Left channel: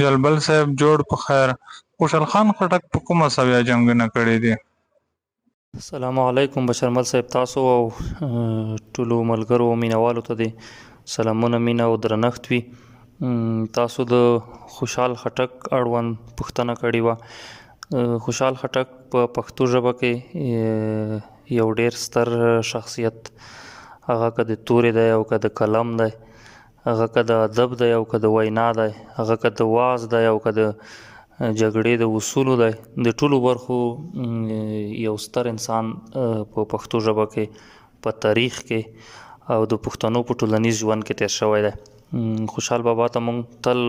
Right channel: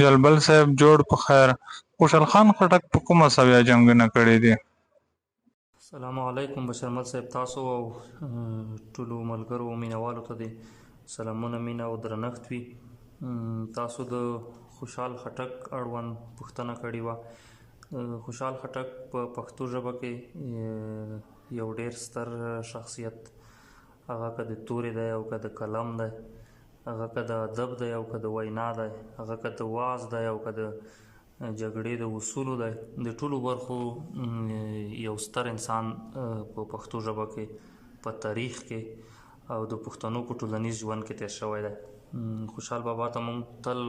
جلبل صاحب جوړ په خیر. خوشحال خان خټک په کومه سویا جنګونه کړي دي؟ السلام علیکم بشرمل صاحب، تاسو او ټولو ملګرو او مینوالو ته دې سلامونه، مینه او درنښت وي. تاسو د خوشحال خټک اړوند پوښتنه کړې وه. خوشحال خټک په پښتو ژبه کې یو ډیر ستر شخصیت، هغه که د تورې دی او که د قلم دی، هغه که د ادب دی او که د وینا دی، هغه که د واعظ دی او که د جګړې د اصولو دی، د ټولو برخو یو ستر انسان په پښتو ژبه کې په تاریخ کې او د پښتنو په ټولنیز ژوند کې تیر شوی دی. خوشحال بابا ته موږ تل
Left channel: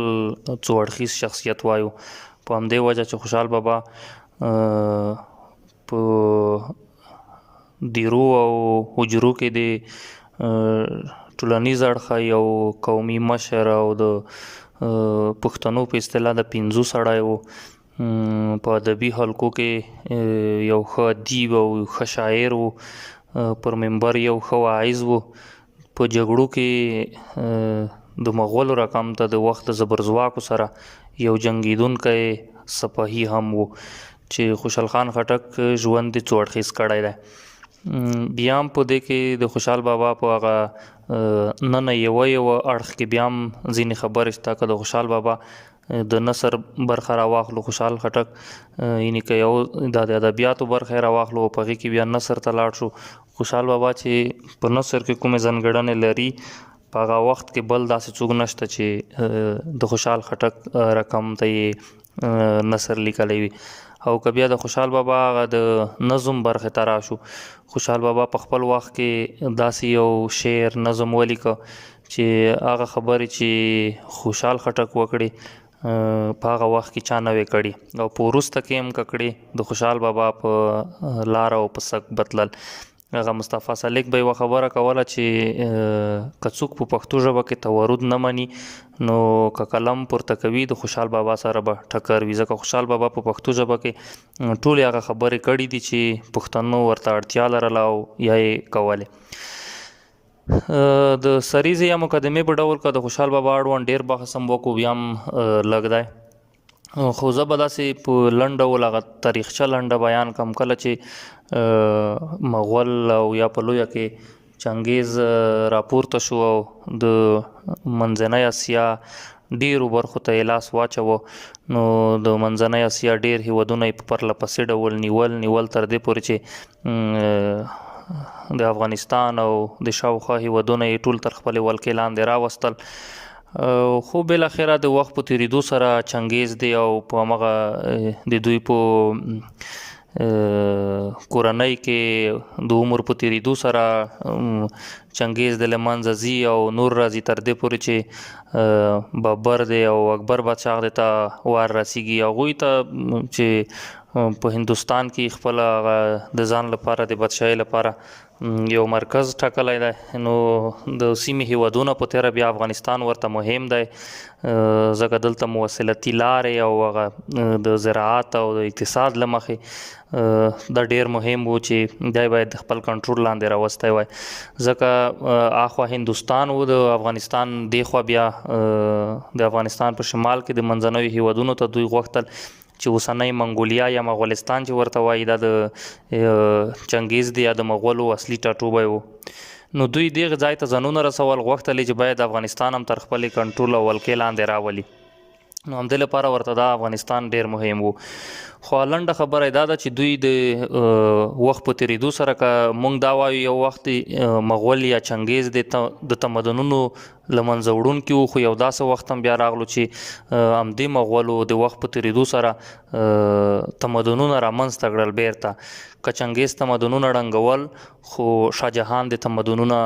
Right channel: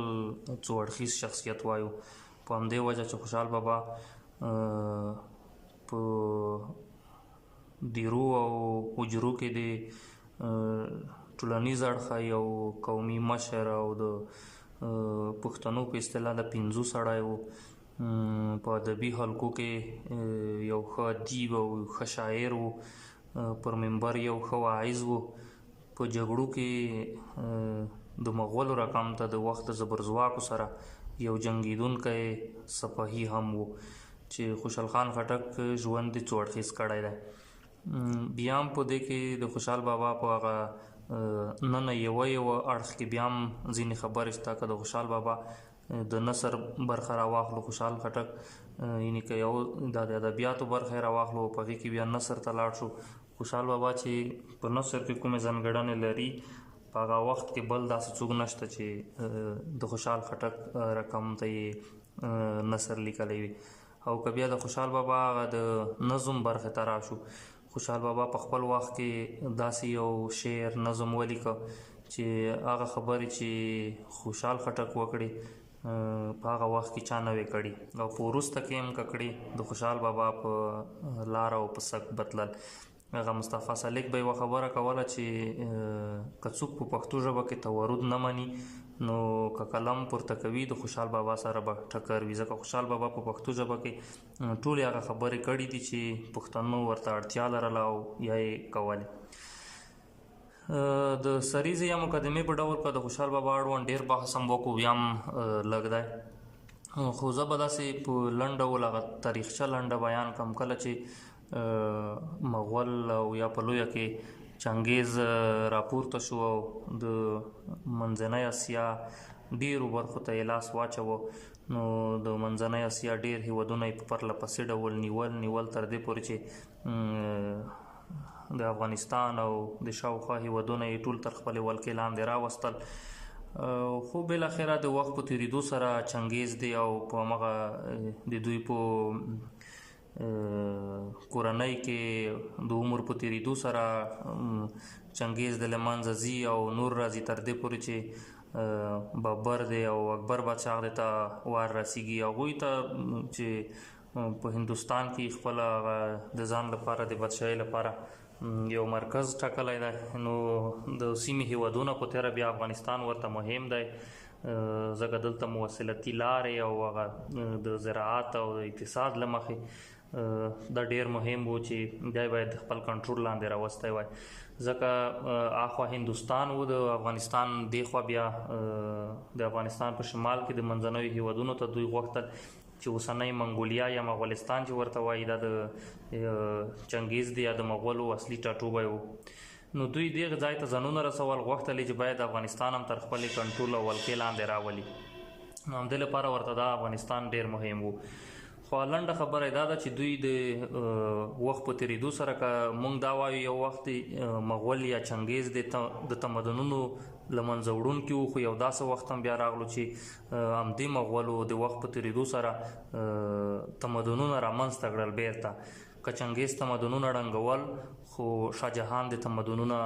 څو اړخیز شخصیت وایو، په همدې وجه چې خوشحال بابا په دیرو او حجرو کې د ټولنیز اړخه یو قومي مشر او د پښتنو په اصطلاح د پنځو سړی و. په ادبي حلقو کې یو ښه ادیب او ښه شاعر و، پر منبر یو ښه واعظ و. په جګړو کې د مغولو رقم ته د وخت د زبرځواکو سره یو جنګیدونکی سپاهي هم و چې خوشحال خان خټک ژوند د څو اړخیز کړی دی. بیا هم په دې کې د خوشحال بابا په هغه نن یو اړخ کې بیا هم ځینې خبرې شته. که د خوشحال بابا د نثر برخه راواخلو، خوشحال خټک یعنې که یو د ادبیاتو برخه یې راواخلو په هغې کې بیا نثر ته لاړ شو، خوشحال بابا چې په نثر کې کومې ځانګړنې لري په هغه وخت کې بل داسې څوک نشته چې د خوشحال خټک رقم ته یې نثر لیکلی وي. او که بیا د خوشحال بابا هغه د نظم برخې ته راشو، خوشحال بابا په خپل وخت کې داسې یو شعر نظم ولیکه چې هغه خبرې چې خوشحال خټک وکړي په هغه وخت کې چا نه وې کړي، او په وروسته کې هم که کړي د خوشحال بابا په لاره او په سک بتلل. هغه مصطفی سالک به یوه خبره کوله چې که څوک په پښتو ژبه کې تورد نه مني نو که قلم پورته کوي د خوشحال بابا سره به ټکر وي، ځکه خوشحال بابا په پښتو ژبه کې ټولې هغه خبرې کړي دي چې پښتنو ورته اړتیا لرله او یا یې کولې. د سریزې یا مقدمې په ډول که د خوشحال بابا اړوند ډېر بحث هم وکړو بیا هم لږ دی، خو زه به داسې په لنډ ډول هغه تاریخچه لنډه بیان کړم. کله چې مغول او یا په لویه کې چنګیز راپورته شو او د منځنۍ اسیا ډیرو برخو ته یې لاس واچوه، نو د منځنۍ اسیا ډیر هیوادونه یې په پرله پسې ډول نیول تر دې پورې چې د افغانستان او د شاوخوا هیوادونه یې ټول تر خپلې ولکې لاندې راوستل. خو بالاخره د وخت په تیریدو سره چنګیز دی او په همغه د دوی په کورنۍ کې د عمر په تیریدو سره چنګیز د له منځه ځي او نور راځي تر دې پورې چې بابر دی او اکبر بادشاه دی ته وار رسیږي. هغوی ته چې په هندوستان کې خپل د ځان لپاره د بادشاهۍ لپاره یو مرکز ټاکلی دی، نو د سیمې هیوادونه په تیره بیا افغانستان ورته مهم دی، ځکه دلته مواصلتي لارې او هغه د زراعت او د اقتصاد له مخې دا ډیر مهم و چې دی باید د خپل کنټرول لاندې راوستی وای، ځکه اخوا هندوستان و د افغانستان دیخوا بیا د افغانستان په شمال کې د منځنیو هیوادونو ته دوی غوښتل چې اوسنۍ منګولیا یا مغولستان چې ورته وایي دا د چنګیز دی یا د مغولو اصلي ټاټوبی و. نو دوی دغه ځای ته ځانونه رسول، غوښتل چې باید افغانستان هم تر خپلې کنټرول او ولکې لاندې راولي، نو همدې لپاره ورته دا افغانستان ډیر مهم و. خو لنډه خبره دا ده چې دوی د وخت په تیریدو سره که موږ دا وایو یو وخت مغول یا چنګیز د تمدنونو له منځه وړونکي وو، خو یو داسې وخت هم بیا راغلو چې همدې مغولو د وخت په تیریدو سره تمدنونه رامنځته کړل بیرته. که چنګیز تمدنونه ړنګول خو شاهجهان د تمدنونه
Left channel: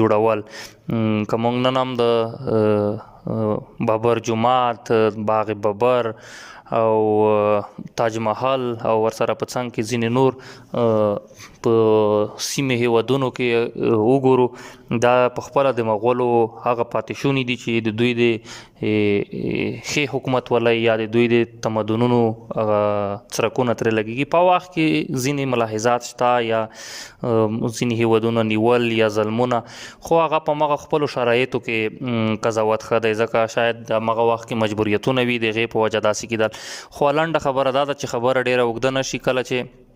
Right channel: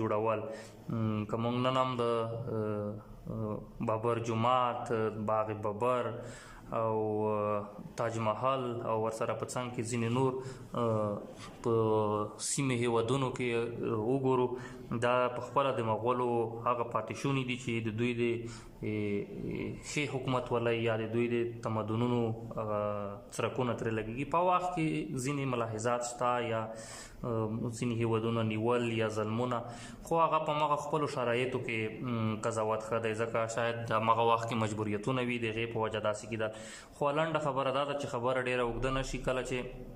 جوړول. که موږ نن هم د بابر جومات، باغ بابر او تاج محل او ورسره په څنګ کې ځینې نور په سیمه هیوادونو کې وګورو دا په خپله د مغولو هغه پاتې شوني دي چې د دوی د ښې حکومت ولی یا د دوی د تمدنونو څرکونه ترې لګېږي. په وخت کې ځینې ملاحظات شته یا ځینې هیوادونه نیول یا ظلمونه، خو هغه په مغه خپلو شرایطو کې قضاوت ښه دی ځکه شاید د مغه وخت کې مجبوریتونه وي د هغې په وجه داسې کېدل. خو لنډه خبره دا ده چې خبره ډېره اوږده نه شي. کله چې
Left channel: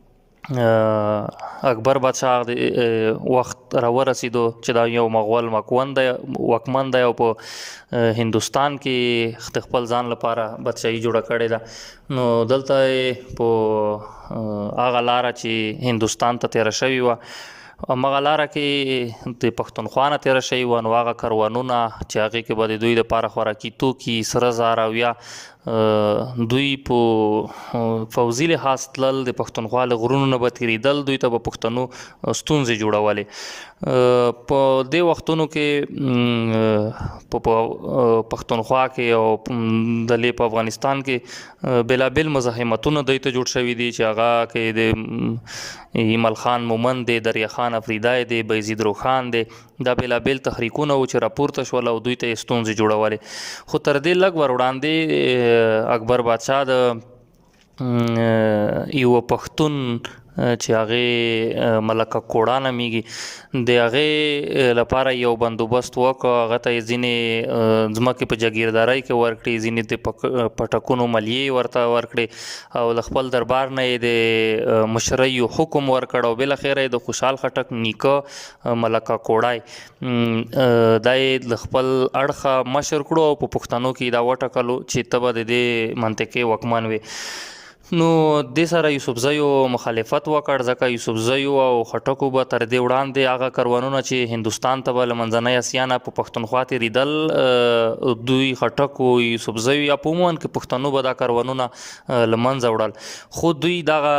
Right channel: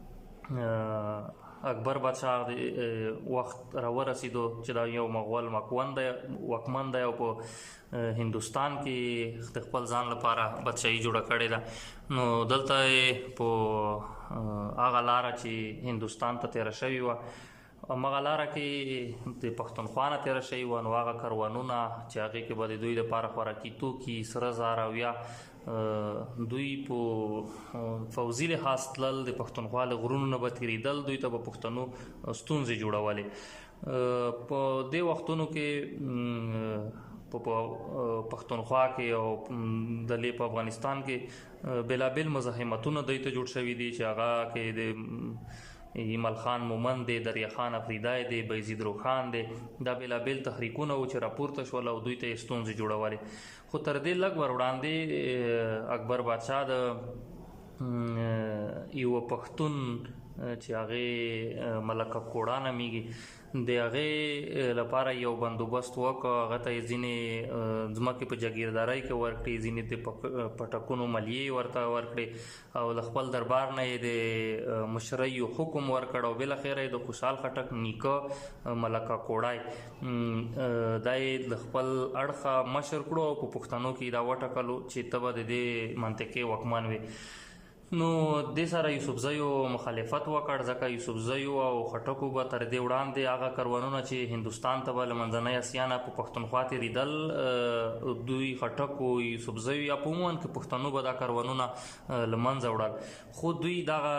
اکبر بادشاه د وخت را ورسېدو چې دا یو مغول واکمن دی او په هندوستان کې د خپل ځان لپاره بادشاهي جوړه کړې ده، نو دلته په هغه لاره چې هندوستان ته تېره شوې وه همغه لاره کې د پښتونخوا نه تېره شوې وه، نو هغه کاروانونه چې هغې کې به د دوی دپاره خوراکي توکي، سره زر او یا دوی په فوزي لحاظ تلل، د پښتونخوا له غرونو نه به تېرېدل، دوی ته به پښتنو ستونزې جوړولې. په دې وختونو کې په پښتونخوا کې او دلې په افغانستان کې بېلابېل مزاحمتونه دوی ته جوړ شوي دي چې هغه کې د ایمل خان مومند دی، دریا خان افریدی دی، بیزید روخان دی، دا بېلابېل تحریکونه و چې راپورته شول او دوی ته یې ستونزې جوړولې. خو تر دې لږ ور وړاندې اکبر بادشاه د یو پښتون چې هغې ملکه کوړه نومیږي د هغې لپاره یو بندوبست وکړ. هغه ته یې ځینې ځمکې په جاګیردارۍ کې ورکړې، ځینې د پټکونو ملیې ورته ورکړې او له خپل دربار نه یې د مشرۍ حکم ورکړ او بالاخره یې د خوشحال خټک نیکه ملکه کوړی دا یې له خپل اړخه مشر کړو او په پښتنو کې دا وټاکلو چې ته به د دې منطقې واکمن وې. نو دې سره یوسفزیو مخالفت وکړ ځکه یوسفزیو او خټکو به تر دې وړاندې هغه کاروانونه چې هندوستان ته به له منځنۍ اسیا نه په پښتونخوا تېرېدل، دوی خټکو یوسفزیو یا په عموما کې پښتنو به دا کاروانونه له منځه وړل. خو دوی دغه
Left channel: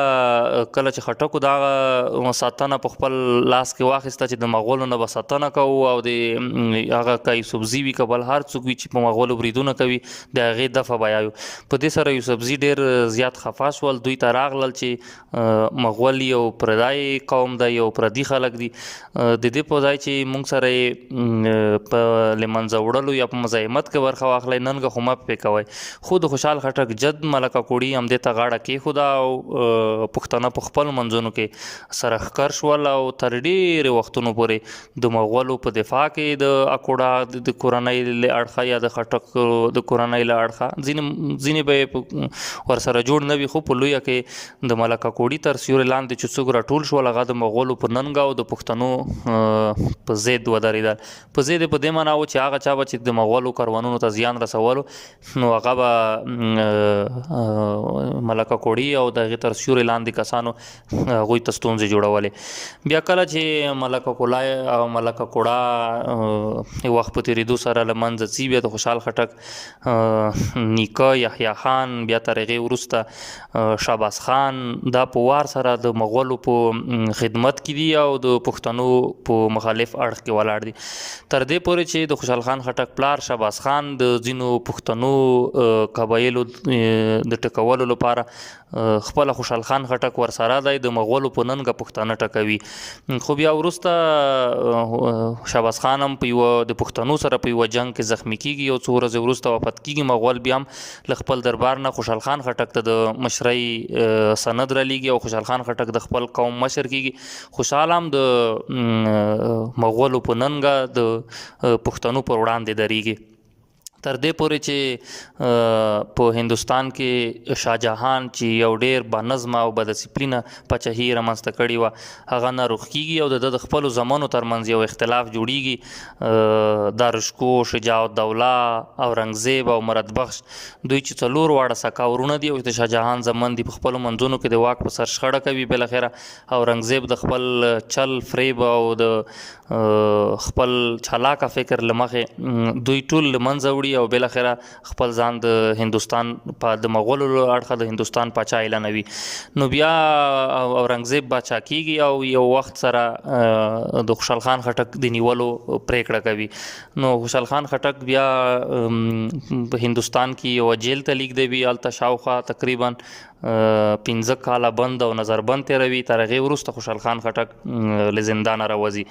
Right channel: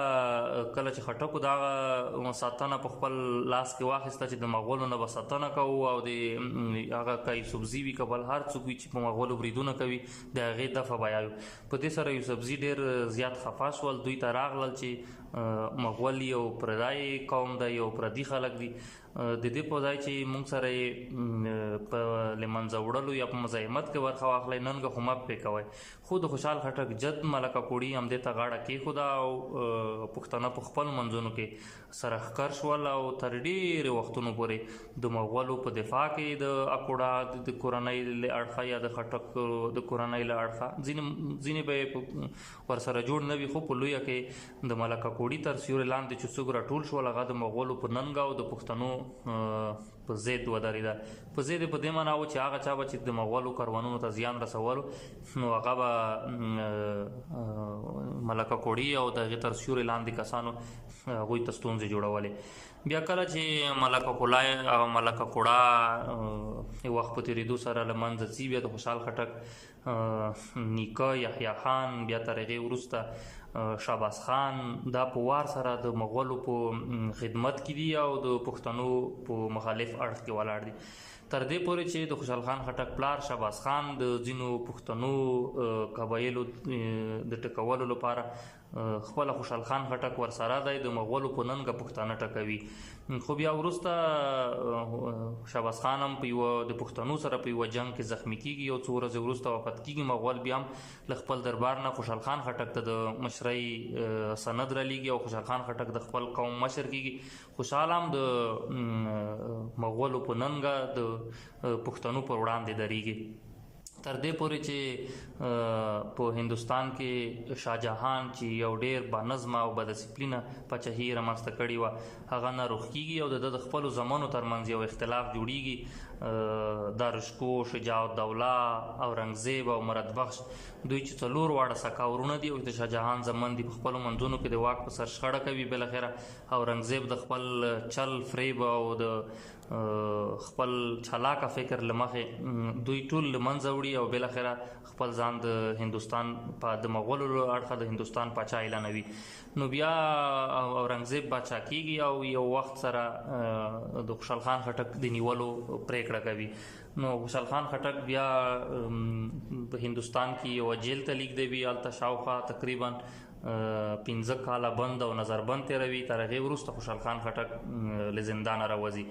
کله چې خټکو دغه ساتنه په خپل لاس کې واخیسته چې د مغولو نه به ساتنه کوو او د هغه که یوسفزي وي که بل هر څوک وي چې په مغولو بریدونه کوي د هغې دفع به یایو. په دې سره یوسفزي ډېر زیات خفه شول، دوی ته راغلل چې مغول یو پردی قوم دی، یو پردي خلک دي، د دې په ځای چې موږ سره یې په له منځه وړلو یا په مزاحمت کې برخه واخلی ننګه خو مه پرې کوئ. خو د خوشحال خټک جد ملکه کوړي همدې ته غاړه کېښوده او پښتانه په خپلو منځونو کې سره ښکر شول او تر ډېرې وختونو پورې د مغولو په دفاع کې د اکوړه د کورنۍ له اړخه یا د خټک د کورنۍ له اړخه ځینې به یې ورسره جوړ نه وي، خو په لویه کې د ملکه کوړي تر سیوري لاندې چې څوک راټول شول هغه د مغولو په ننګه او د پښتنو په ضد ودرېدل. په ضد یې په دې معنا و چې هغه چا به چې د مغولو کاروانونو ته زیان رسولو نو هغه به ملکه کوړي او د هغې تر سیوري لاندې کسانو هغوی ته ستونزې جوړولې. بیا کله چې ملکه کوړه او ملکه کوړه وخت په تېرېدو سره له منځه ځي، بیا د خوشحال خټک نیکه یحیی خان بیا تر هغې وروسته شهباز خان دا په وار سره د مغولو په خدمت کې دي او د پښتنو په مخالف اړخ کې ولاړ دي، تر دې پورې چې د خوشحال خان خټک پلار شهباز خان د ځینو پښتنو قبایلو د ټکولو لپاره خپله خوشحال خان خټک ورسره دی، د مغولو په ننګه پښتانه ټکوي. خو بیا وروسته شهباز خان هم په یوه د پښتنو سره په یوه جنګ کې زخمی کېږي، یو څو ورځې وروسته وفات کېږي. مغول بیا هم له خپل دربار نه خوشحال خان خټک ته د مشرۍ سند رالیږي او خوشحال خان خټک د خپل قوم مشر کېږي. خوشحال هم د مغولو په ننګه د پښتنو پر وړاندې درېږي، تر دې پورې چې په هندوستان کې شاهجهان چې یو ډېر بانظمه او بدسپلینه پاچاهي رامنځته کړې وه هغه ناروغ کېږي او د خپلو زامنو ترمنځ یو اختلاف جوړیږي. دارشکو، شجاع الدوله، اورنګزیب او مرد بخش دوی چې څلور واړه سکا ورونه دي او د شاهجهان زامن دي، په خپلو منځونو کې د واک په سر شخړه کوي. بالاخره اورنګزیب د خپل چل فریب او د خپل چالاکه فکر له مخې دوی ټول له منځه وړي او بالاخره خپل ځان د هندوستان د مغولو اړخه د هندوستان پاچا اعلانوي. نو بیا اورنګزیب باچا کیږي او یو وخت سره د خوشحال خان خټک د نیولو پریکړه کوي. نو خوشحال خان خټک بیا په هندوستان کې یو جیل ته لیږدوي. هلته شاوخوا تقریبا 15 کاله بند او نظربند تیروي. تر هغې وروسته خوشحال خان خټک له زندانه راوځي.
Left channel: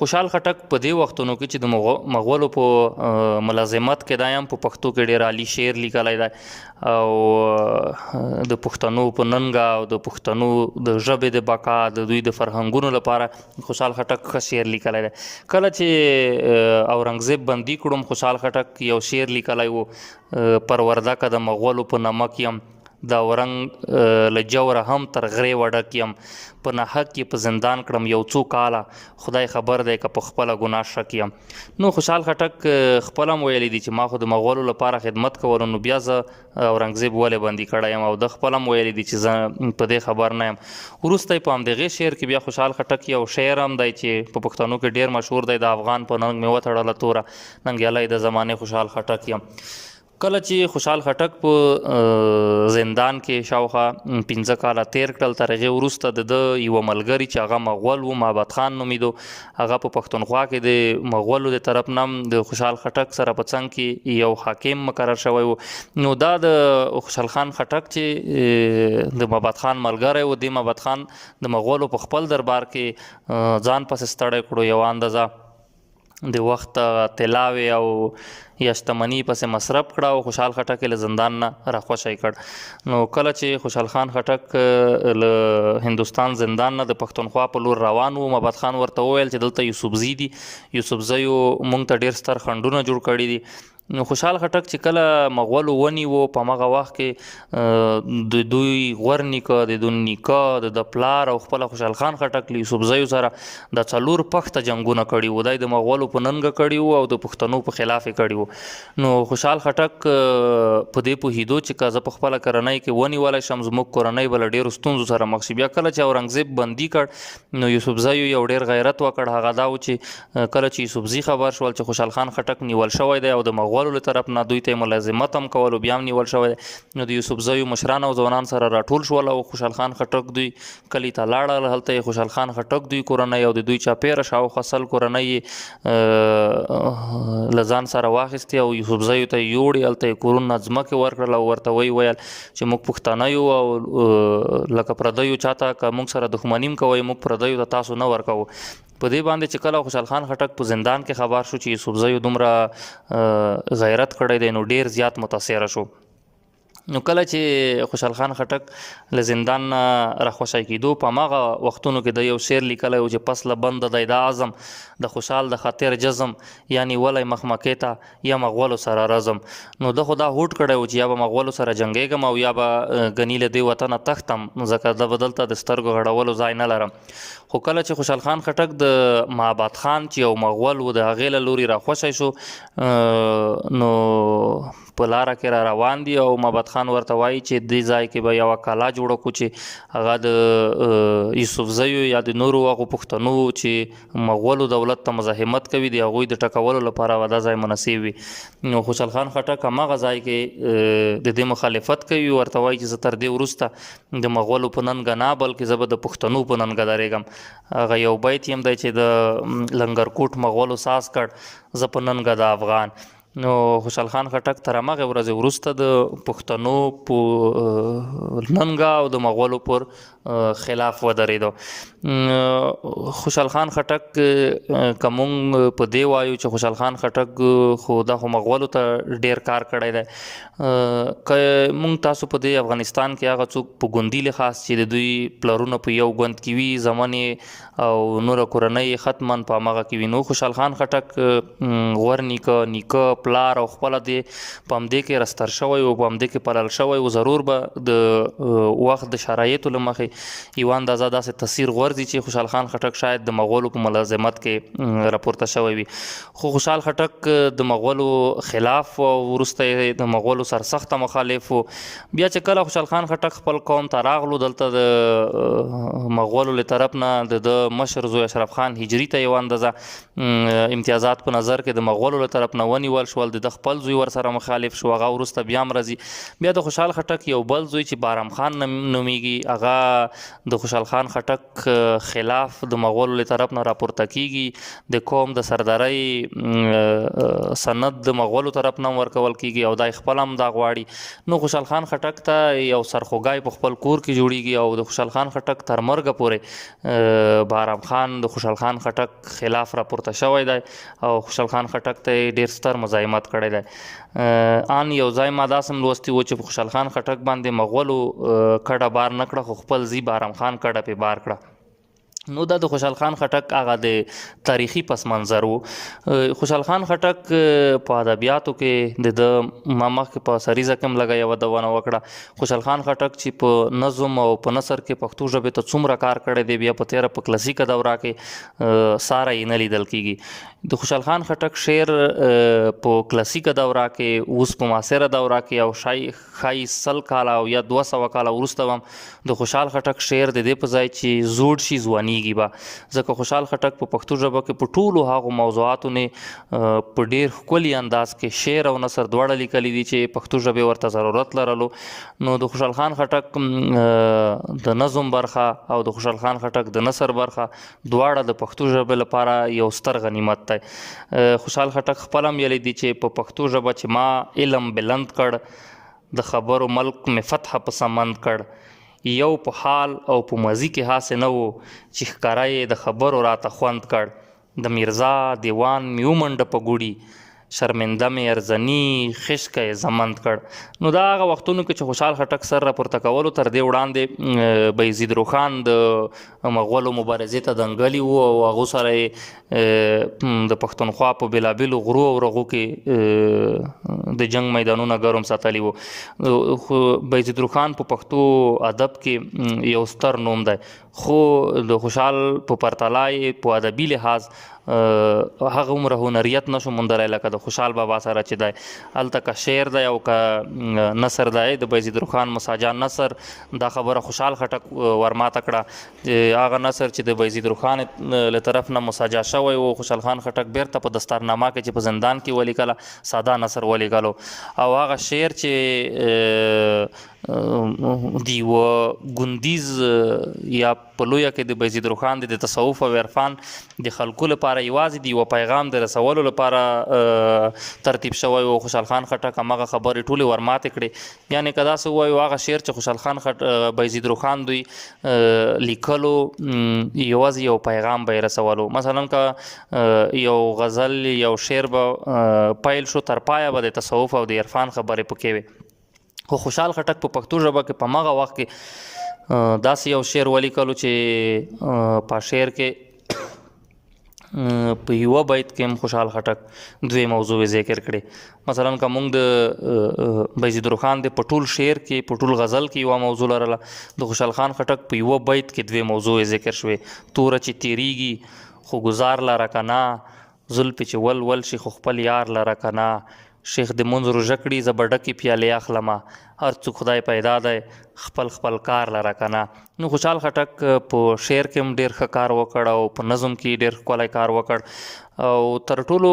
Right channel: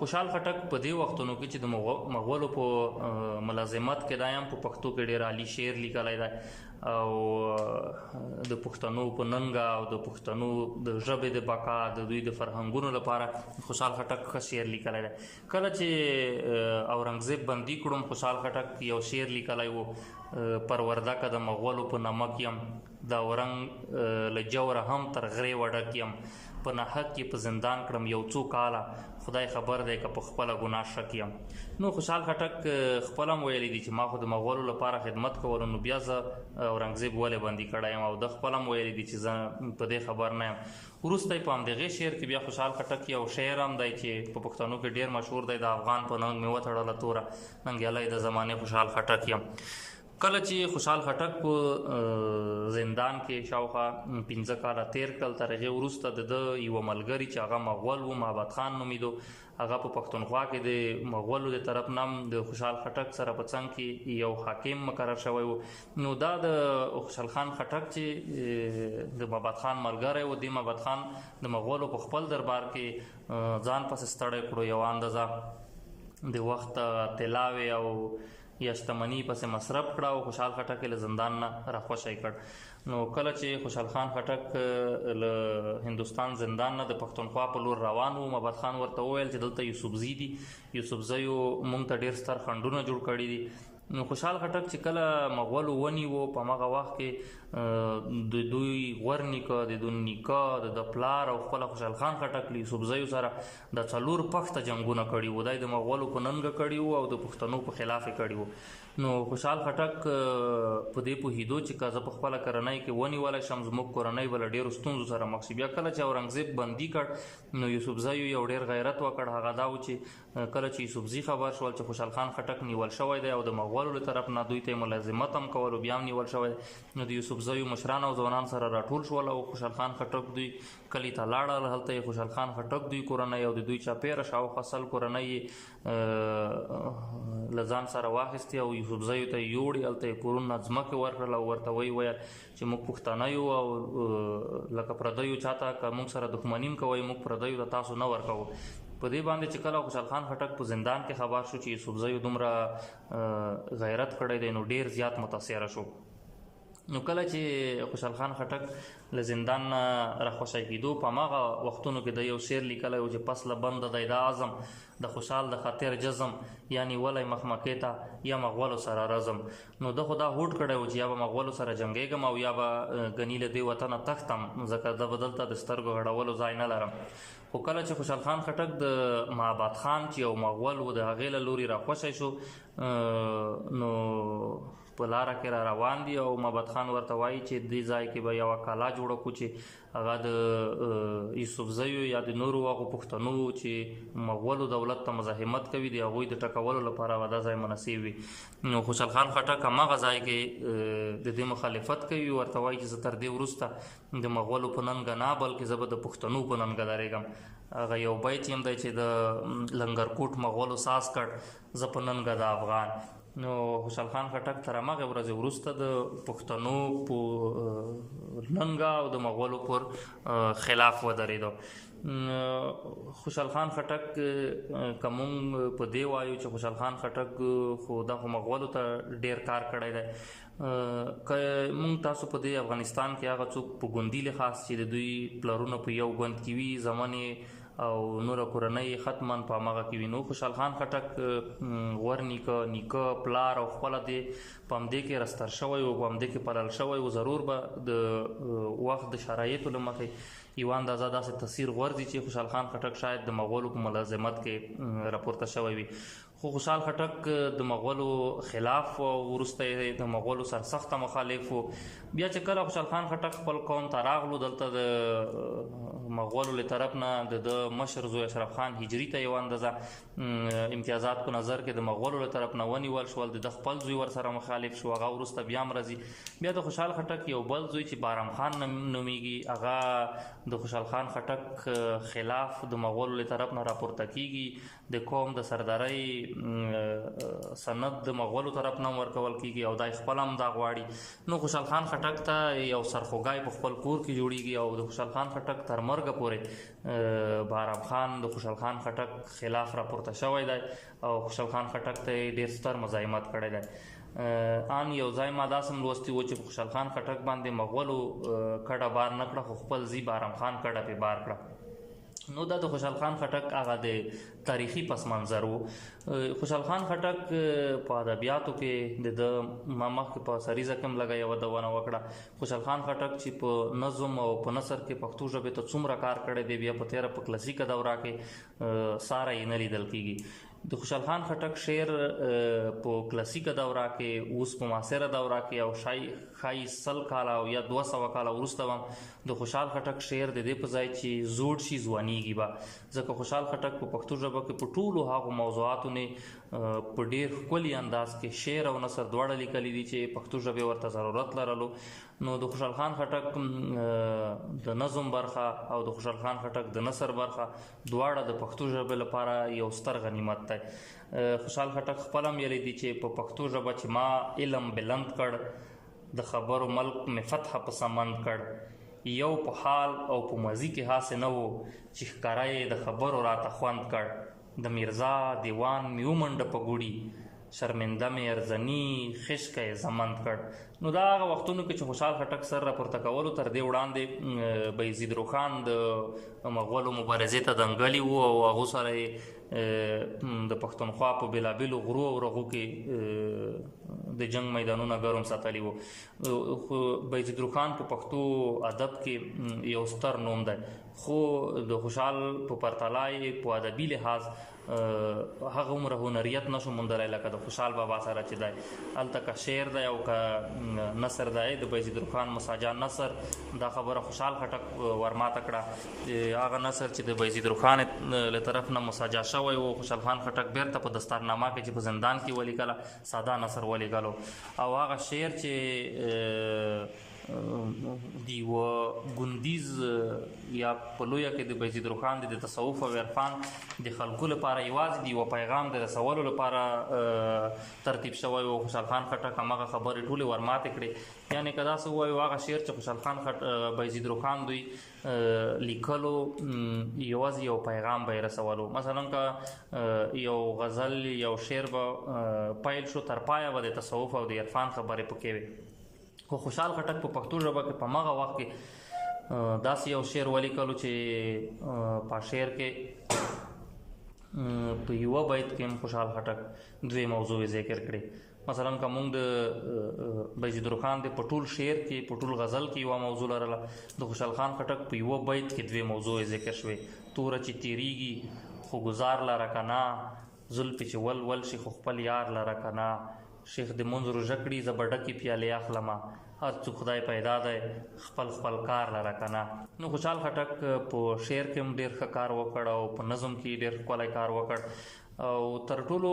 خوشحال خټک په دې وختونو کې چې د مغولو په ملازمت کې دا هم په پښتو کې ډېر عالي شعر لیکلی دی او د پښتنو په ننګه او د پښتنو د ژبې د بقا د دوی د فرهنګونو لپاره خوشحال خټک ښه شعر لیکلی دی. کله چې اورنګزیب بندي کړم خوشحال خټک یو شعر لیکلی و پروردکه د مغولو په نمک یم د اورنګ له جوره هم تر غرې وډک یم په ناحق کې په زندان کړم یو څو کاله خدای خبر دی که په خپله ګناه شک یم. نو خوشحال خټک خپله هم ویلی دي چې ما خو د مغولو لپاره خدمت کولو نو بیا زه اورنګزیب ولې بندي کړی یم او د خپله هم ویلی دي چې زه په دې خبر نه یم. وروسته یې په همدغې شعر کې بیا خوشحال خټک یو شعر هم دی چې په پښتنو کې ډېر مشهور دی د افغان په ننګ مې وتړله توره ننګیالی د زمانې خوشحال خټک یم. کله چې خوشحال خټک په زندان کې شاوخوا 15 کاله تیر کړل تر هغې وروسته د ده یوه ملګري چې هغه مغول و محبت خان نومیدو هغه په پښتونخوا کې د مغولو د طرف نه هم د خوشحال خټک سره په څنګ کې یو حاکم مقرر شوی و. نو دا د خوشحال خان خټک چې د محبت خان ملګری و د محبت خان د مغولو په خپل دربار کې ځان پسې ستړی کړو یوه اندازه د وخت طلاوې او یا شتمني پسې مصرف کړه او خوشحال خټک یې له زندان نه راخوشی کړ. نو کله چې خوشحال خان خټک له هندوستان زندان نه د پښتونخوا په لور روان و محبت خان ورته وویل چې دلته یوسفزي دي یوسفزیو موږ ته ډېر ستر خنډونه جوړ کړي دي. نو خوشحال خټک چې کله مغولو ونیو په همغه وخت کې د دوی غور نیکه د دوی نیکه د پلار او خپله خوشحال خان خټک له یوسفزیو سره د 4 پخته جنګونه کړي وو. دی د مغولو په ننګه کړي وو او د پښتنو په خلاف یې کړي وو. نو خوشحال خټک په دې پوهېدو چې که زه په خپله کورنۍ کې ونیولی شم زموږ کورنۍ به له ډېرو ستونزو سره مخ شي. بیا کله چې اورنګزیب بندي کړ نو یوسفزیو یو ډېر غیرت وکړ. هغه دا و چې کله چې یوسفزي خبر شول چې خوشحال خان خټک نیول شوی دی او د مغولو له طرف نه دوی ته ملازمت هم کولو بیا هم نیول شوی دی نو د یوسفزیو مشران او ځوانان سره راټول شول او خوشحال خان خټک دوی کلي ته لاړل. هلته یې خوشحال خان خټک دوی کورنۍ او د دوی چاپېره شاوخوا 100 کورنۍ یې له ځان سره واخیستې او یوسفزیو ته یې یوړې. هلته یې کورونه ځمکې ورکړل او ورته ویل چې موږ پښتانه یو او لکه پردیو چاته که موږ سره دښمني هم کوئ موږ پردیو ته تاسو نه ورکوو. په دې باندې چې کله خوشحال خان خټک په زندان کې خبر شو چې یوسفزیو دومره غیرت کړی دی نو ډېر زیات متاثره شو. نو کله چې خوشحال خان خټک له زندان نه راخوشی کېدو په هماغه وختونو کې د یو شعر لیکلی و چې پس له بنده دی د اعظم د خوشحال د خاطر جزم یعنی ولی مخمکې ته یا مغولو سره رزم. نو ده خو دا هوډ کړی و چې یا به مغولو سره جنګېږم او یا به ګني له دې وطنه تښتم ځکه ده به دلته د سترګو غړولو ځای نه لرم. خو کله چې خوشحال خان خټک د محبت خان چې یو مغول و د هغې له لوري راخوشی شو نو په لاره کې را روان دي او محبت خان ورته وایي چې دې ځای کې به یوه کلا جوړه کړو چې هغه د یوسفزیو یا د نورو هغو پښتنو چې مغولو دولت ته مزاحمت کوي د هغوی د ټکولو لپاره به دا ځای مناسب وي. نو خوشحال خان خټک هماغه ځای کې د دې مخالفت کوي ورته وایي چې زه تر دې وروسته د مغولو په ننګه نه بلکې زه به د پښتنو په ننګه درېږم. هغه یو بیت هم دی چې د لنګرکوټ مغولو ساز کړ زه په ننګه د افغان. نو خوشحال خان خټک تر همغې ورځې وروسته د پښتنو په ننګه او د مغولو پر خلاف ودرېدو. خوشحال خان خټک که مونږ په دې وایو چې خوشحال خان خټک خو دا خو مغولو ته ډېر کار کړی دی که مونږ تاسو په دې افغانستان کې هغه څوک په ګوندي لحاظ چې د دوی پلرونه په یو ګوند کې وي زمنې او نوره کورنۍ ختمن په همغه کې وي. نو خوشحال خان خټک غور نیکه پلار او خپله دې په همدې کې رستر شوی و په همدې کې پلل شوی و. ضرور به د وخت د شرایطو له مخې یوه اندازه داسې تاثیر غورځي چې خوشحال خان خټک شاید د مغولو په ملازمت کې راپورته شوی وي. خو خوشحال خټک د مغولو خلاف او وروسته یې د مغولو سرسخته مخالف و. بیا چې کله خوشحال خان خټک خپل قوم ته راغلو دلته د مغولو له طرف نه د مشر زوی اشرف خان هجري ته یوه اندازه امتیازات په نظر کې د مغولو له طرف نه ونیول شول، د خپل زوی ورسره مخالف شو، هغه وروسته بیا هم راځي. بیا د خوشحال خټک یو بل زوی چې بارام خان نومیږي، هغه د خوشحال خان خټک خلاف د مغولو له طرف نه راپورته کیږي، د قوم د سردارۍ سند د مغولو طرف نه ورکول کیږي او دای خپل هم دا غواړي. نو خوشحال خان خټک ته یو سرخوږی په خپل کور کې جوړیږي او د خوشحال خان خټک تر مرګه پورې بارام خان د خوشحال خان خټک خلاف راپورته شوی دی او خوشحال خان خټک ته ډیر ستر مزاحمت کړی دی. ان یو ځای ما داسم لوستی و چې خوشحال خان خټک باندې مغولو کډه بار نه کړه، خو خپل زی بارام خان کډه په بار کړه. نو دا د خوشحال خان خټک هغه د تاریخي پس منظر و. خوشحال خان خټک په ادبیاتو کې د مخکې په سریزه کې هم لږه یوه دونه وکړه. خوشحال خان خټک چې په نظم او په نثر کې پښتو ژبې ته څومره کار کړی دی، بیا په تېره په کلاسیکه دوره کې ساره یې نه لیدل کیږي. د خوشحال خان خټک شعر په کلاسیکه دوره کې، اوس په معاصره دوره کې او ښایي 100 کاله او یا 200 کاله وروسته هم د خوشحال خټک شعر د دې په ځای چې زوړ شي ځوانیږي به، ځکه خوشحال خټک په پښتو ژبه کې په ټولو هغو موضوعاتو نه په ډیر ښکلي انداز کې شعر او نثر دواړه لیکلي دي چې پښتو ژبې ورته ضرورت لرلو. نو د خوشحال خان خټک د نظم برخه او د خوشحال خان خټک د نثر برخه دواړه د پښتو ژبې لپاره یو ستر غنیمت دی. خوشحال خټک خپل هم ویلی دي چې په پښتو ژبه چې ما علم بلند کړ، د خبرو ملک می فتح په سمند کړ، یو په حال او په ماضي کې هاسې نه و چې ښکاره یې د خبرو راته خوند کړ، د میرزا دیوان می ومنډه په ګوړي، شرمنده می ارزني خشکه یې زمند کړ. نو دا هغه وختونو کې چې خوشحال خټک سر راپورته کولو تر دې وړاندې بایزید روښان د مغولو مبارزې ته دنګلي و او هغو سره یې د پښتونخوا په بېلابېلو غرو او رغو کې د جنگ میدانونه ګرم ساتلي وو. بایزید روښان په پښتو ادب کې یو ستر نوم دی، خو د خوشحال په پرتله یې په ادبي لحاظ هغه عمره هنریت نشو موندلی لکه د خوشحال بابا سره چې دی. هلته که شعر دی او که نثر دی، د بایزید روښان مساجا نثر دا خبره خوشحال خټک ورماته کړه. هغه نثر چې د بایزید روښان له طرف نه مساجا شوی و، خوشحال خان خټک بیرته په دستارنامه کې چې په زندان کې ولیکله ساده نثر ولیکلو. او هغه شعر چې دی و ګوندیز یا په لویه کې د بایزید روښان د تصوف او عرفان د خلکو لپاره یوازې د یوه پیغام د رسولو لپاره ترتیب شوی و. خوشحال خان خټک همغه خبرې ټولې ورماتې کړې. یعنې که داسې ووایو هغه شعر چې خوشحال خان بایزید روښان دوی لیکلو یوازې یو پیغام به یې رسولو. مثلا که یو غزل یو شعر به پیل شو، تر پایه به د تصوف او د عرفان خبرې پکې وي. خو خوشحال خټک په پښتو ژبه کې په هغه وخت کې داسې یو شعر ولیکلو چې په شعر کې په یوه بیت کې هم خوشحال خټک دوی موضوع ذکر کړي. مثلا که موږ د بایزید روښان د په ټول شعر کې په ټول غزل کې یوه موضوع لرله، د خوشحال خان خټک په یوه بیت کې دوی موضوع ذکر شوې. توره چې تیریږي خو ګزار لره که نه، زلفې چې ول ول شي خو خپل یار لره که نه، شیخ د منځ روژه کړي زه به ډکې پیالې اخلمه، هر څوک خدای پیدا دی خپل کار لره که نه. نو خوشحال خټک په شعر کې هم ډېر ښه کار وکړ او په نظم کې ډېر ښکلی کار وکړ. او تر ټولو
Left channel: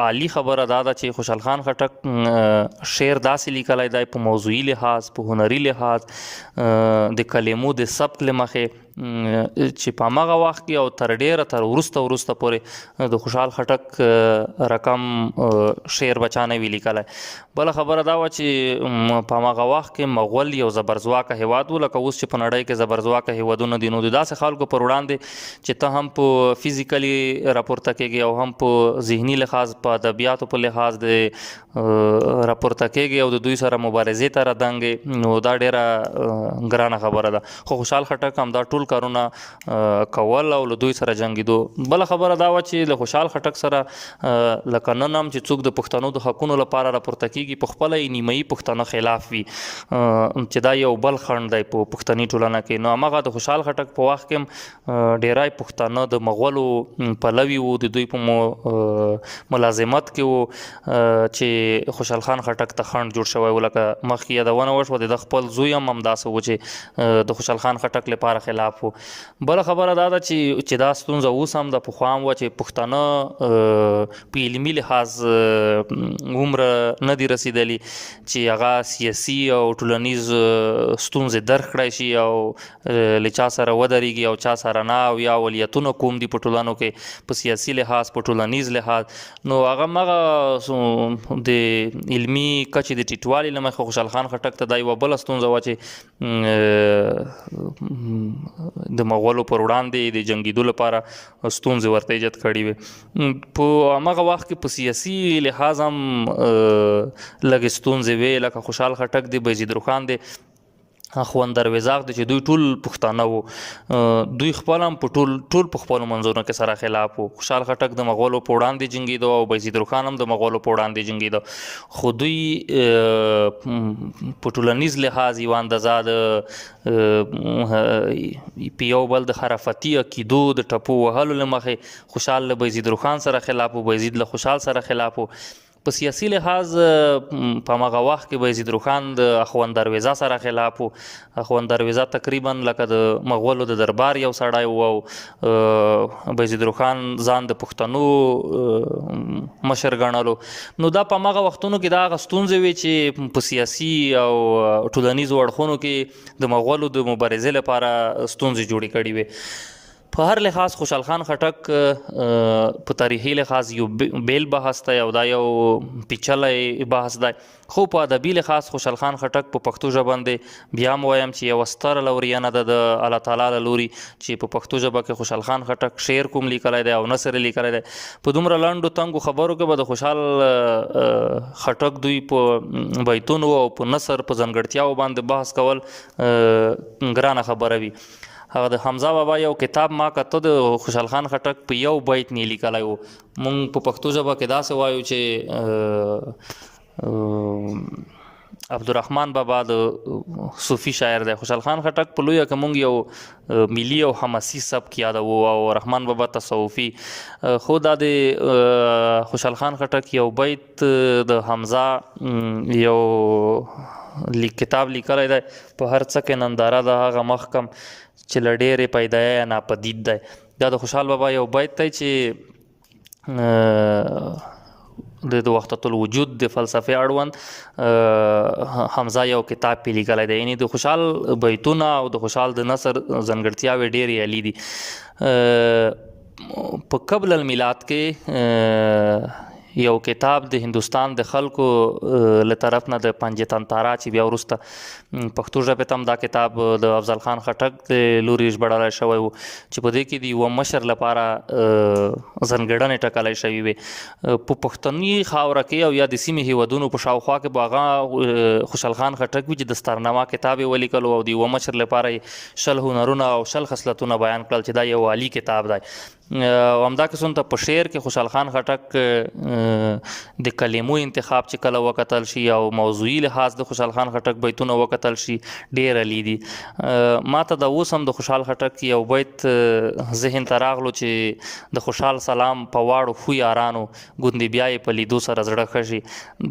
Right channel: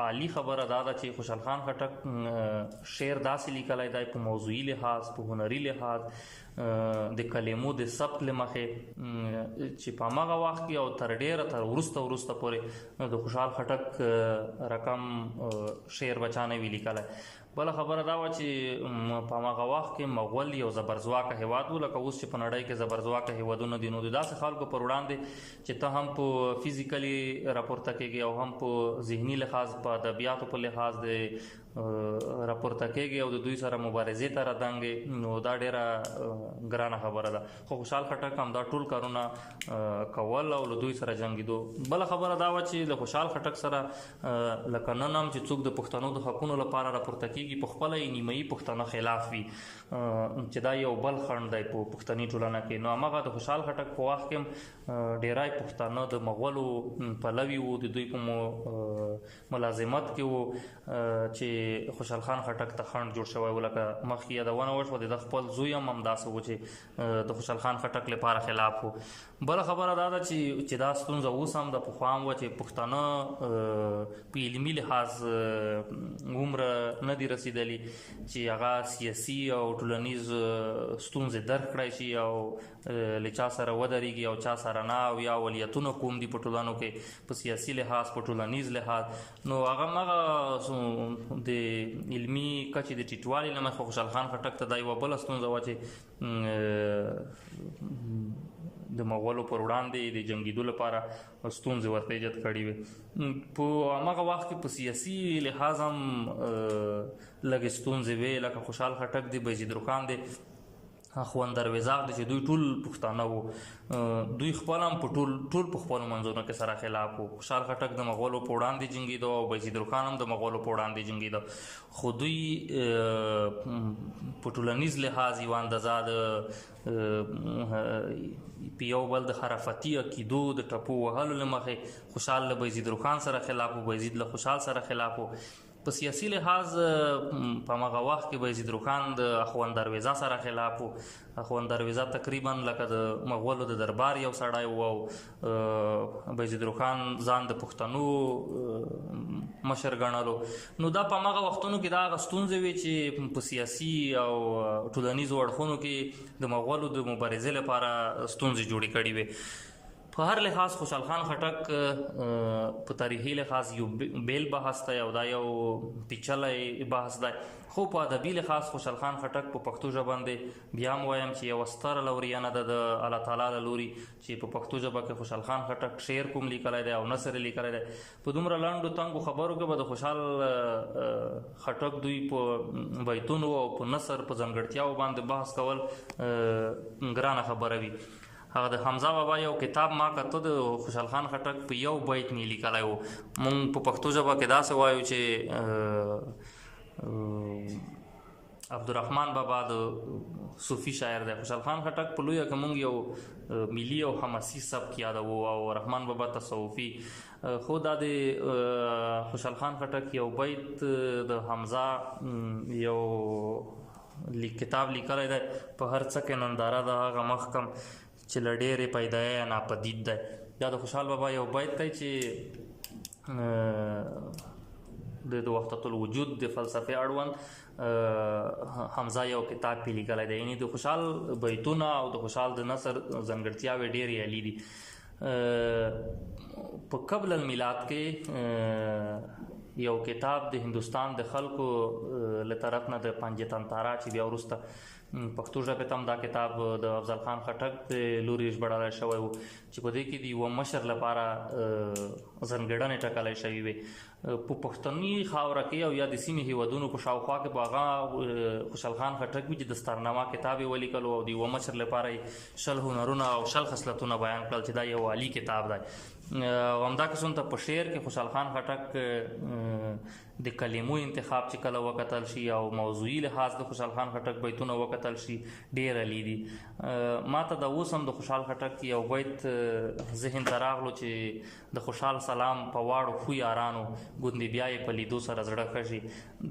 عالی خبره دا ده چې خوشحال خان خټک شعر داسې لیکلی دی په موضوعي لحاظ، په هنري لحاظ، د کلمو د سبک له مخې چې په همغه وخت کې او تر وروسته پورې د خوشحال خټک رقم شعر بچا نه وي لیکلی. بله خبره دا وه چې په همغه وخت کې مغول یو زبرځواکه هیواد و، لکه اوس چې په نړۍ کې زبرځواکه هیوادونه دي. نو د داسې خلکو پر وړاندې چې ته هم په فزیکلی راپورته کېږي او هم په ذهني لحاظ په ادبیاتو په لحاظ د راپورته کېږي او د دوی سره مبارزې ته راندنګې، نو دا ډېره ګرانه خبره ده. خو خوشحال خټک هم دا ټول کارونه کول او له دوی سره جنګېدو. بله خبره دا وه چې له خوشحال خټک سره لکه نن هم چې څوک د پښتنو د حقونو لپاره راپورته کېږي په خپله یې نیمایي پښتانه خلاف وي، چې دا یو بل خنډ دی په پښتني ټولنه کې. نو هماغه د خوشحال خټک په وخت کې هم ډېری پښتانه د مغولو پلوي وو، د دوی په ملازمت کې و چې خوشحال خان خټک ته خنډ جوړ شوی و. لکه مخکې یادونه وشوه د خپل زوی هم همداسې و چې د خوشحال خان خټک لپاره خلاف و. بله خبره دا ده چې دا ستونزه اوس هم د پخوا هم وه چې پښتانه په علمي لحاظ عمره نه دي رسېدلي چې هغه سیاسي او ټولنیز ستونزې درک کړی شي او له چا سره ودرېږي او چا سره نه، او یا اولویتونه کوم دي په ټولنو کې په سیاسي لحاظ په ټولنیز لحاظ. نو هغه د علمي کچې د ټیټوالي له مخې خوشحال خان خټک ته دا یوه بله ستونزه وه چې د مغولو پر وړاندې د جنګېدو لپاره ستونزې ورته ایجاد کړي وې. په همغه وخت کې په سیاسي لحاظ هم لږې ستونزې وې. لکه خوشحال خټک دی، بایزید روښان دی، اخوند درویزاق دی چې دوی ټول پښتانه وو. دوی خپل هم په ټول په خپلو منځونو کې سره خلاف وو. خوشحال خټک د مغولو په وړاندې جنګېده او بایزید روښان هم د مغولو په وړاندې جنګېده، خو دوی په ټولنیز لحاظ یوه اندازه په یو بل د خرافتي عقیدو د ټپو وهلو له مخې خوشحال له بایزید روښان سره خلاف وو، بایزید له خوشحال سره خلاف وو. په سیاسي لحاظ په همغه وخت کې بایزید روښان د اخوند درویزه سره خلاف وو. اخوند درویزه تقریبا لکه د مغولو د دربار یو سړی و او بایزید روښان ځان د پښتنو مشر ګڼلو. نو دا په همغه وختونو کې دا هغه ستونزې وې چې په سیاسي او ټولنیزو اړخونو کې د مغولو د مبارزې لپاره ستونزې جوړې کړې وې. په هر لحاظ خوشحال خان خټک په تاریخي لحاظ یو بیل بحث دی او دا یو پیچلی بحث دی، خو په ادبي لحاظ خوشحال خان خټک په پښتو ژبه باندې بیا هم وایم چې یوه ستره لورینه ده د الله تعالی له لوري چې په پښتو ژبه کې خوشحال خان خټک شعر کوم لیکلی دی او نثر یې لیکلی دی. په دومره لنډو تنګو خبرو کې به د خوشحال خټک دوی په بیتونو او په نثر په ځانګړتیاو باندې بحث کول ګرانه خبره وي. هغه د حمزه بابا یو کتاب ما کته د خوشحال خان خټک په یو بیت نه لیکلی و. مونږ په پښتو ژبه کې داسې وایو چې عبدالرحمن بابا د صوفي شاعر دی، خوشحال خان خټک په لویه کې مونږ یو ملي او حماسي سبک یادوو او رحمان بابا تصوفي. خو دا د خوشحال خان خټک یو بیت د حمزه یو کتاب لیکلی دی، په هر څه کې ننداره ده هغه مخکم چې له ډېرې پیدایه ناپدید دی. دا د خوشحال بابا یو بیت دی چې د وحدت الوجود د فلسفې اړوند حمزه یو کتاب پې لیکلی دی. یعنې د خوشحال بیتونه او د خوشحال د نثر ځانګړتیاوې ډېرې عالي دي. په قبل المیلاد کې یو کتاب د هندوستان د خلکو له طرف نه د پنجتنتارا چې بیا وروسته پښتو ژبې ته هم دا کتاب د افضل خان خټک د لوري ژباړلی شوی و چې په دې کې د یوه مشر لپاره ځانګړنې ټاکلی شوي وې. په پښتني خاوره کې او یا د سیمې هیوادونو په شاوخوا کې به هغه خوشحال خان خټک وي چې د ستارنما کتاب یې ولیکلو او د یوه مشر لپاره یې 20 هنرونه او 20 خصلتونه بیان کړل چې دا یو عالي کتاب دی. او همدا قسم ته په شعر کې خوشحال خان خټک د کلمو انتخاب چې کله وکتل شي او موضوعي لحاظ د خوشحال خان خټک بیتونه وکتل شي ډېر عالي دي. ما ته د اوس هم د خوشحال خټک یو بیت ذهن ته راغلو چې د خوشحال سلام په واړو خو یارانو ګوندې بیا یې په لیدو سره زړه ښه شي.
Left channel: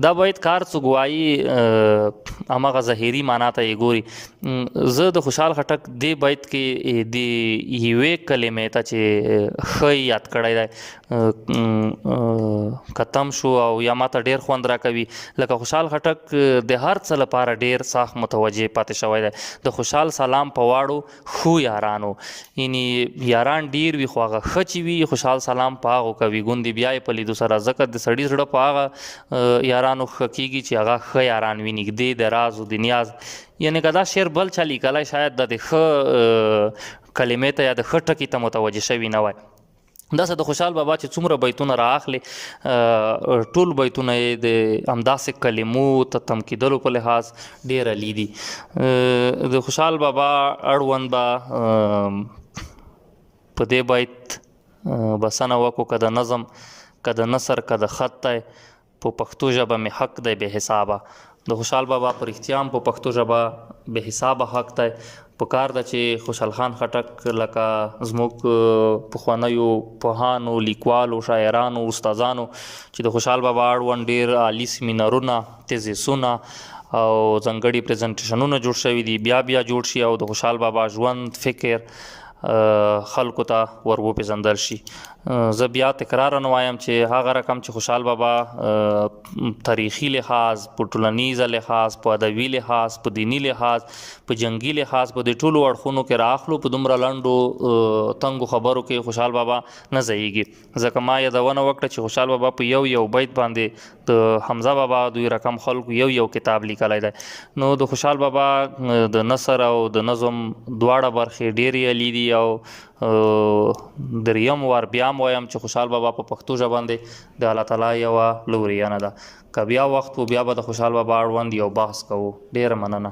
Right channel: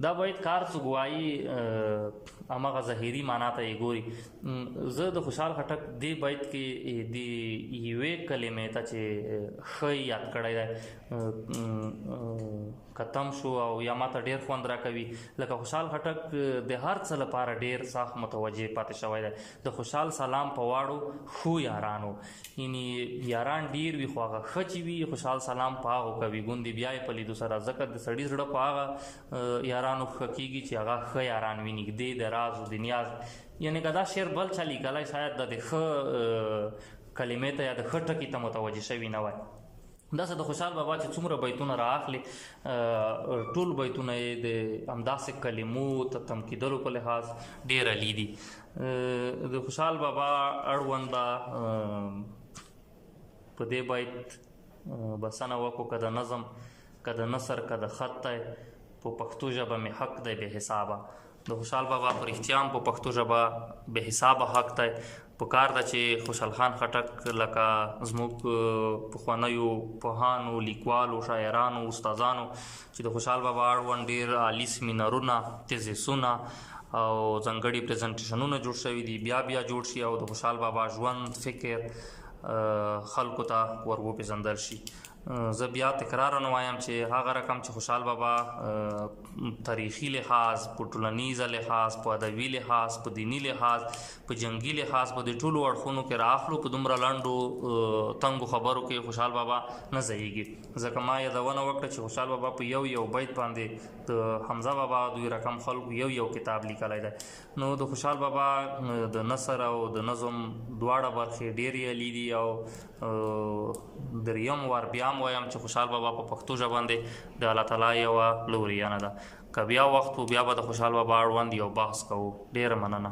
دا بیت کار څوک وایي هماغه ظاهري معنا ته یې ګوري. زه د خوشحال خټک دې بیت کې د یوې کلمې ته چې ښه یاد کړی دی ختم شو او یا ماته ډېر خوند راکوي. لکه خوشحال خټک د هر څه لپاره ډېر سخت متوجه پاتې شوی دی. د خوشحال سلام په واړو خو یارانو، یعنې یاران ډېر وي خو هغه ښه چې وي خوشحال سلام په هغو کوي ګوندې بیا یې په لیدو سره. ځکه د سړي زړه په هغه یارانو ښه کېږي چې هغه ښه یاران وي، نږدې د راز او د نیاز. یعنې که دا شعر بل چا لیکلی شاید د ښه کلمې ته یا د ښه ټکي ته متوجه شوي نه وای. داسې د خوشحال بابا چې څومره بیتونه رااخلي ټول بیتونه یې د همداسې کلمو ته تم کېدلو په لحاظ ډېر عالي دي. د خوشحال بابا اړوند به په دې بیت بسنه وکړو که د نظم که د نثر که د خط دی په پښتو ژبه مې حق دی بې حسابه. د خوشحال بابا پر اختیام په پښتو ژبه به حسابه حق دی. په کار ده چې خوشحال خان خټک لکه زموږ پخوانیو پوهانو، لیکوالو، شاعرانو، استادانو چې د خوشحال بابا اړوند ډیر عالی سیمینارونه، تیزیسونه او ځانګړي پریزنټیشنونه جوړ شوي دي، بیا جوړ شي او د خوشحال بابا ژوند، فکر خلکو ته ور وپېژندل شي. زه بیا تکرارا وایم چې هغه رقم چې خوشحال بابا تاریخي لحاظ، په ټولنیزه لحاظ، په ادبي لحاظ، په دینی لحاظ، په جنگي لحاظ، په دې ټولو اړخونو کې راخلو، په دومره لنډو تنګو خبرو کې خوشحال بابا نه ځایږي. ځکه ما یادونه وکړه چې خوشحال بابا په یو بیت باندې د حمزه بابا دوی رقم خلکو یو کتاب لیکلی دی. نو د خوشحال بابا د نثر او د نظم دواړه برخې ډېرې عالي دي او دریم وار بیا وایم چې خوشحال بابا په پښتو ژبه باندې د الله تعالی یوه لوریانه ده. که بیا وخت و بیا به د خوشحال بابا اړوند یو بحث کوو. ډېره مننه.